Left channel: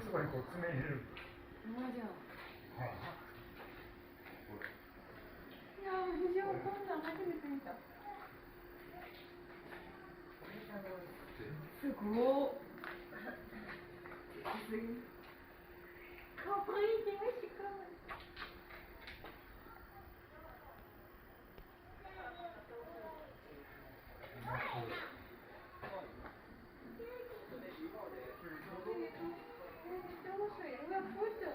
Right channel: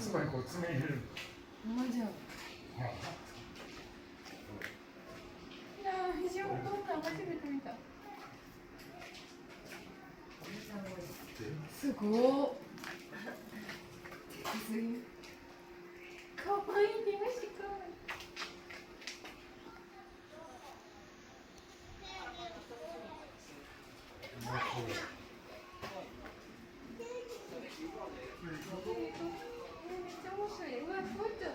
あそこにこう詰め入れる。マジや。いやー、肘をこんなん初めて見た。すごっ。かわいい、気がしかわいい。めっちゃ面白い。うわ、ふわっちゃう。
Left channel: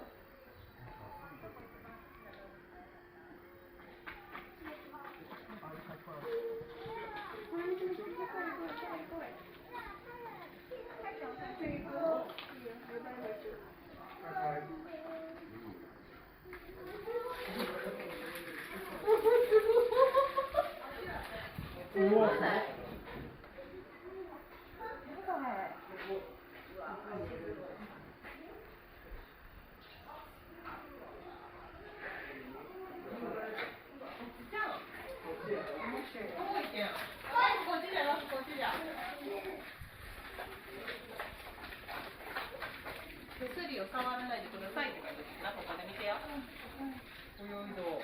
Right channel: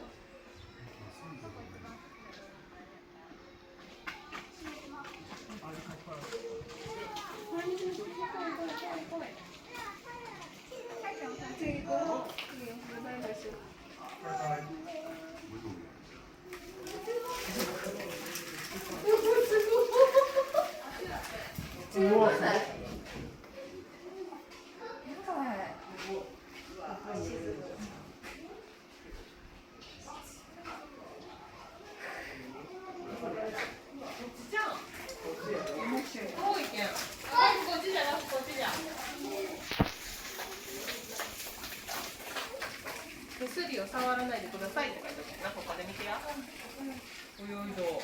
手すりを触らないでくださいって書いてあるな、ここで見てや。泳いど。